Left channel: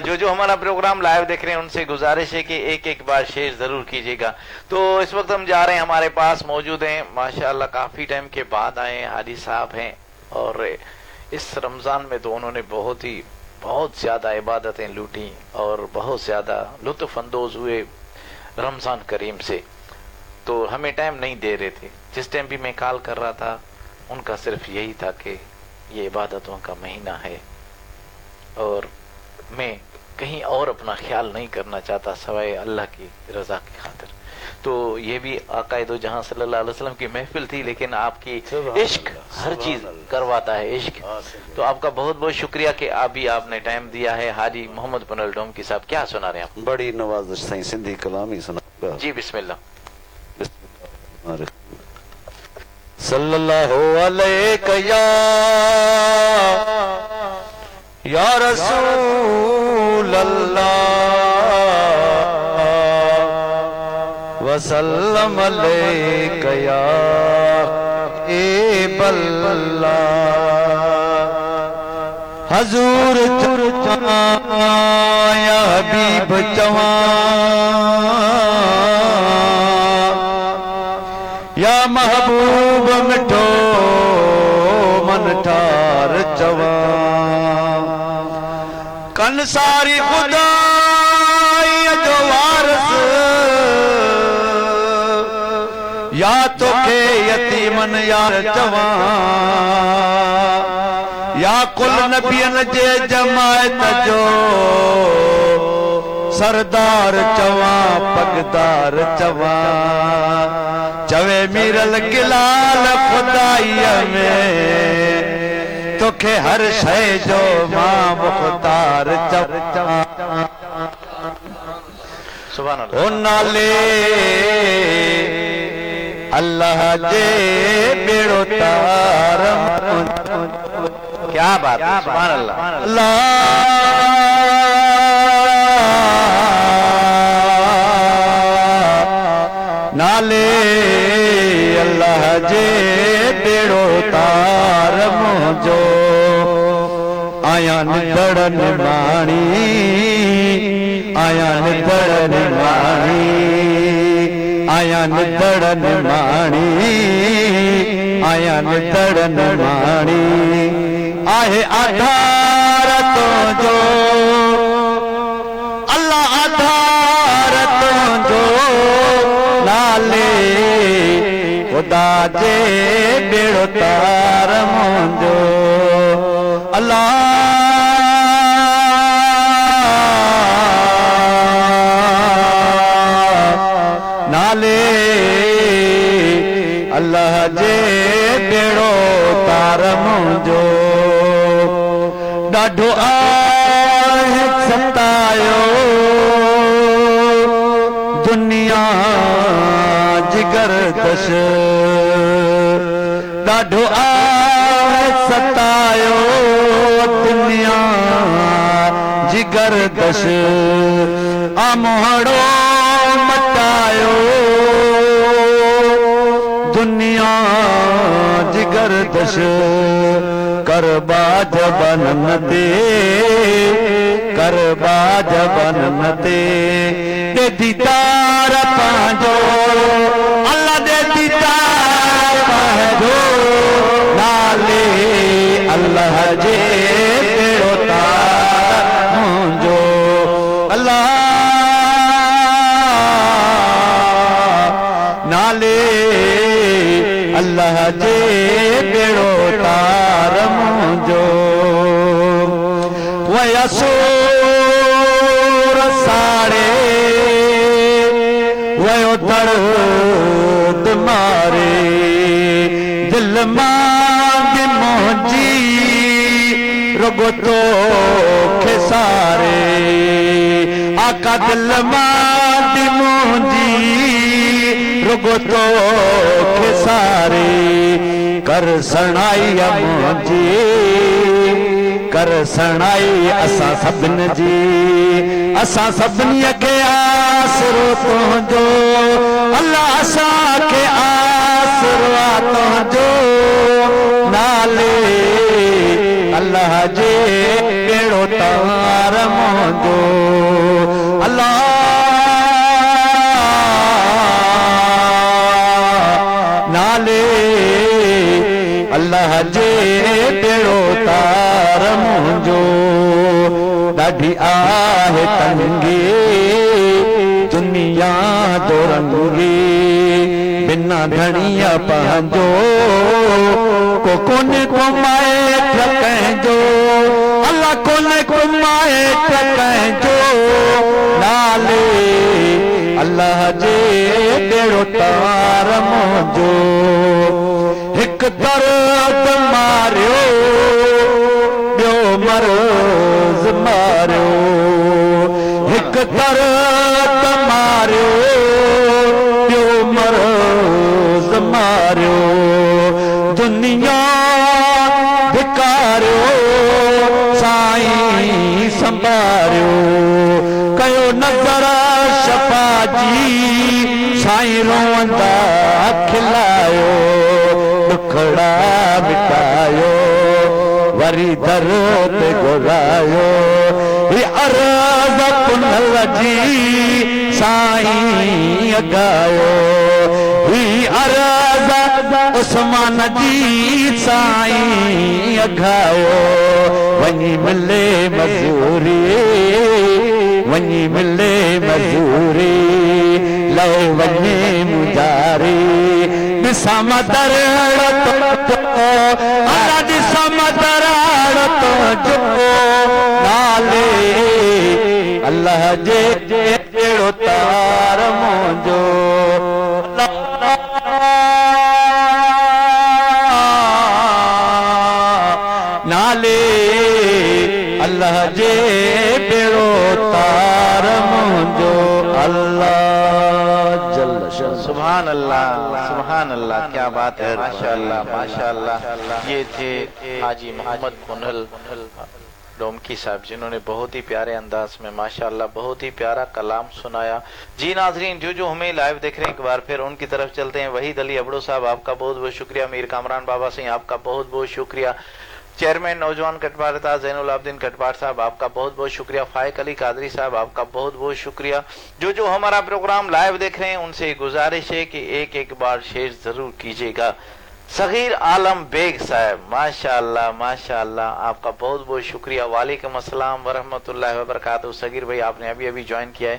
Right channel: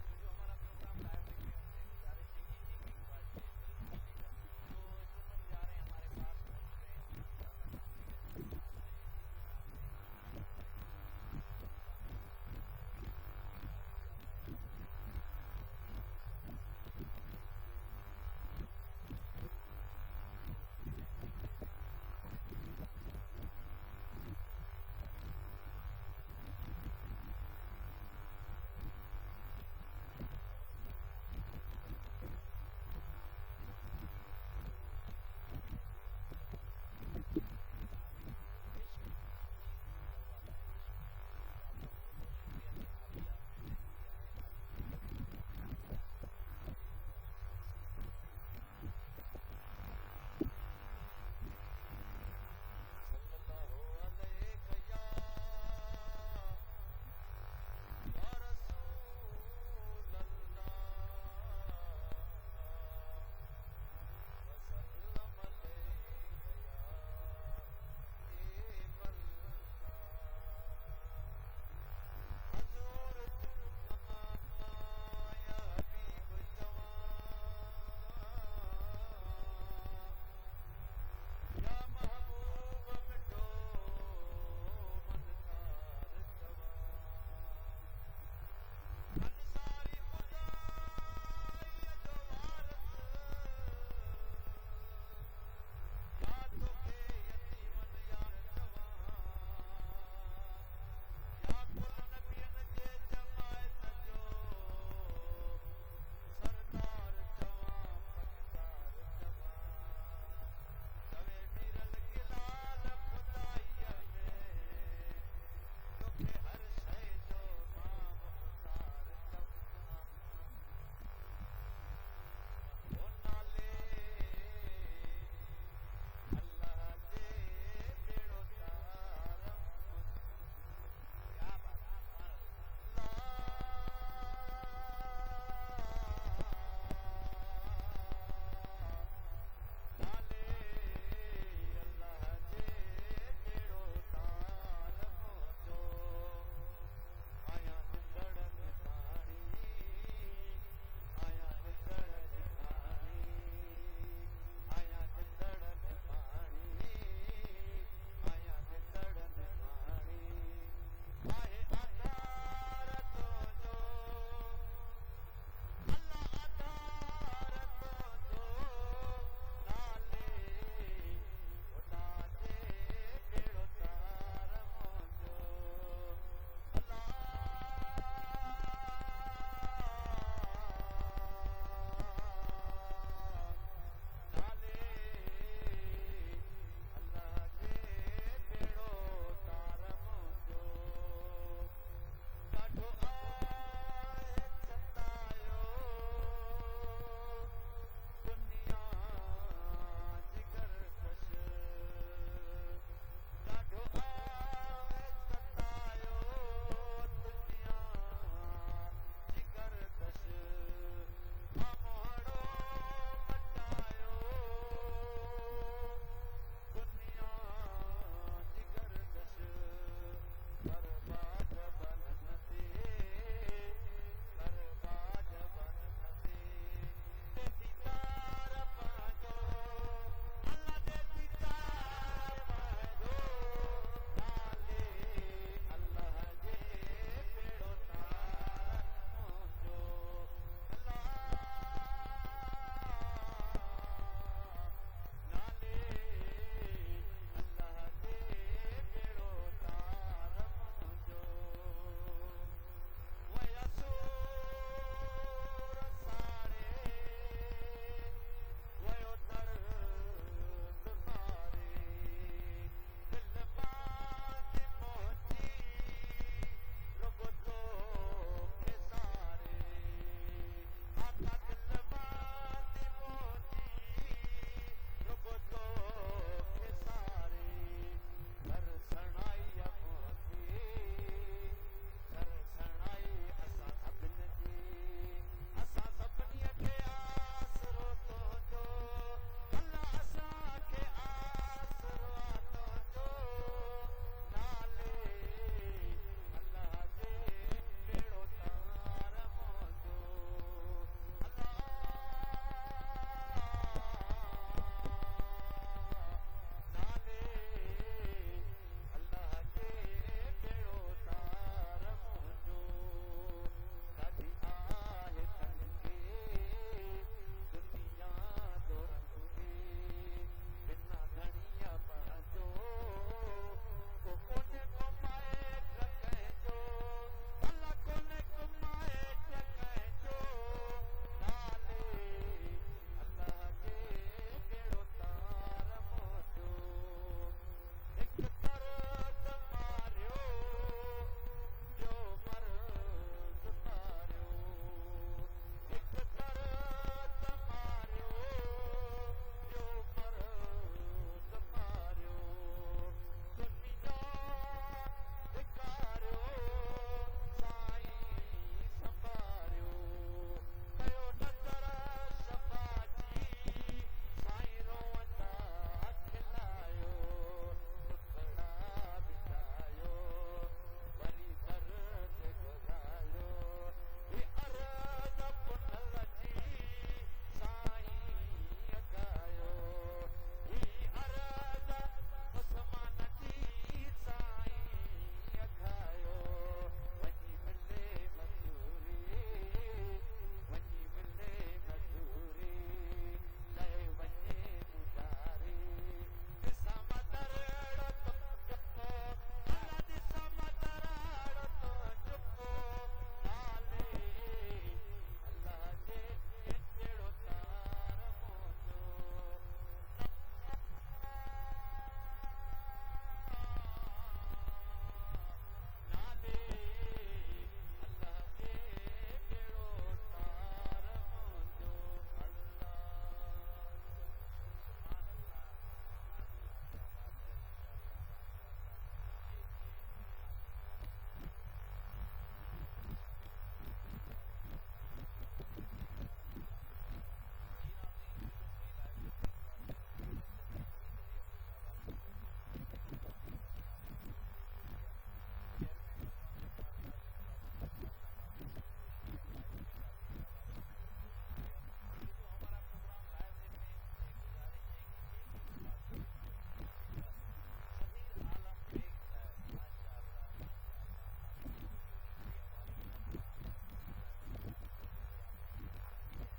जो जो हमारा प्रोग्राम लाइव देख रहे हैं उनसे गुजारिश है कि एक एक बार शेयर जरूर कीजिएगा। तो इस वक्त हम जा रहे हैं, हमारे पास मौजूद हैं माशाअल्लाह, काफी टाइम के बाद आए हैं, हाजी साहब हैं। और इस रमजान में तो उन्होंने बहुत ज्यादा इबादतें लूटी और बहुत ज्यादा लुत्फ अंदोज हुए रमजान करीम से। तो हमें टाइम नहीं दे रहे थे। जिस टाइम भी मैं कॉल कर रहा था उनका सिर्फ यही था कि ये इबादतों का महीना है और मैं कहीं और अपना ख्याल नहीं करना चाहता सवाए अल्लाह की रजा की खातिर। तो ये भी आका दो जहां सल्लल्लाहु अलैहि वसल्लम की महफिल थी, लेकिन आपकी इश्क हर चीज करवाता है, इश्क। तो आपका बहुत बहुत शुक्रिया कि आपने टाइम दिया है। हाजी मोहम्मद बनल डोमकी साहब, क्या सुना रहे हैं आप? बड़ी नवाजिश सही सिंधी कलाम ही सुना जी, बिस्मिल्लाह। सल्लल्लाहु अलैहि या रसूल अल्लाह वसल्लम अलैका या एबल्ला। हजूर या हबीब चवा या महबूब मिठो मन ठार चवा। कन सारी खुदा जो वारस या तोखे यतीमन यार चवा या कुल नबियन जे जमायत जो सरदार चवा पगदार चवा। चवे मीरल गिलाल खुदाईअ में तोखे हर शय जो मां मुख्तार चवा। सुभान अल्लाह। ओ नाले अल्लाह जे बेड़ो तार। क्या बात है, सुभान अल्लाह। नाले अल्लाह जे बेड़ो तार मुझो आया निदड़न माणी आया निदड़न माणी आया निदड़न माणी आया निदड़न माणी। आहे आधार तो जो अल्लाह आधार तो जो नाले खुदा जे बेड़ो तार मुंहिंजो अल्लाह। नाले अल्लाह जे बेड़ो तार मुंहिंजो ॾाढो आहे सतायो दुनिया जिगर दश। ॾाढो आहे सतायो दुनिया जिगर दश। आमोहड़ो मटायो दुनिया जिगर दश। करबा जबन ते करबा जबन ते दे दीदार पांजो अल्लाह दे दीदार पांजो। नाले अल्लाह जे बेड़ो तार मुंहिंजो अल्लाह। नाले अल्लाह जे बेड़ो तार मुंहिंजो। वयसो साड़े वयो दर्द मारे दिल मांग मुंहिंजी रुगो तोखे सारे। आका दिल मांग मुंहिंजी रुगो तोखे सारे। कर सणाई मुंहिंजी कर सणाई असां सभिनि जी असां सभिनी खे आसरो तुंहिंजो अल्लाह असांखे आसरो आहे तुंहिंजो। नाले अल्लाह जे बेड़ो तार मुंहिंजो मुंहिंजो अल्लाह नाले अल्लाह जे बेड़ो तार मुंहिंजो ॾाढी आहे तंगी दुनिया जो रंगी बिना धणिया पंहिंजो को कोन्हे कमाए कंहिंजो अल्लाह कोन्हे कमाए कंहिंजो नाले अल्लाह जे बेड़ो तार मुंहिंजो हिकु दर्द मारियो ॿियो मर्ज़ मारियो हिकु दर्द मारियो ॿियो मर्ज़ मारियो दुनिया धिकारियो साईं संभारियो कयो नज़र शफ़ा जी साईं रोअंदा खिलायो दुखड़ा मिटायो वरी दर ते घुरायो ही अर्ज़ पुनल जी साईं अगायो ही अर्ज़ उस्मान जी साईं अगायो वञी मिले मज़ूरी वञी मिले मज़ूरी लो वञे मुजारी ॾिसां मदर ॾिसां मदर नाले अल्लाह जे बेड़ो तार मुंहिंजो नाले अल्लाह जे बेड़ो तार मुंहिंजो अल्लाह सुभान अल्लाह क्या बात है माशाअल्लाह माशाअल्लाह। ये थे हाजी मोहम्मद पुनल डोमकी साहब जिन्होंने बहुत ही प्यारे अंदाज में माशाअल्लाह बहुत ही प्यारा कलाम सुनाया। जी नाजरीन जो हमें लाइव देख रहे हैं एक बार फिर उनकी तरफ चलते हैं। वहीद अली अबड़ो साहब आपका बहुत बहुत शुक्रिया। मीर कामरान बाबा सिंह आपका बहुत बहुत शुक्रिया। चेयरमैन नौजवान कटवार था जैनुल आबदीन कटवार साहब आपका बहुत बहुत शुक्रिया। फाइक अली कादरी साहब आपका बहुत बहुत शुक्रिया। जो हमारा प्रोग्राम लाइव देख रहे हैं उनसे गुजारिश है कि एक एक बार शेयर जरूर कीजिएगा। सगीर आलम बेग साहब माशाअल्लाह माशाअल्लाह आपका बहुत बहुत शुक्रिया। वालेकुम अस्सलाम वरहमतुल्लाहि वबरकातुहू। सगीर भाई आपने अभी अभी ज्वाइन किया है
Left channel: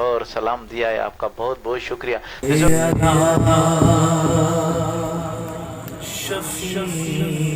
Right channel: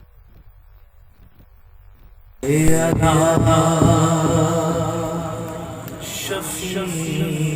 और सलाम दिया है, आपका बहुत बहुत शुक्रिया। शफीना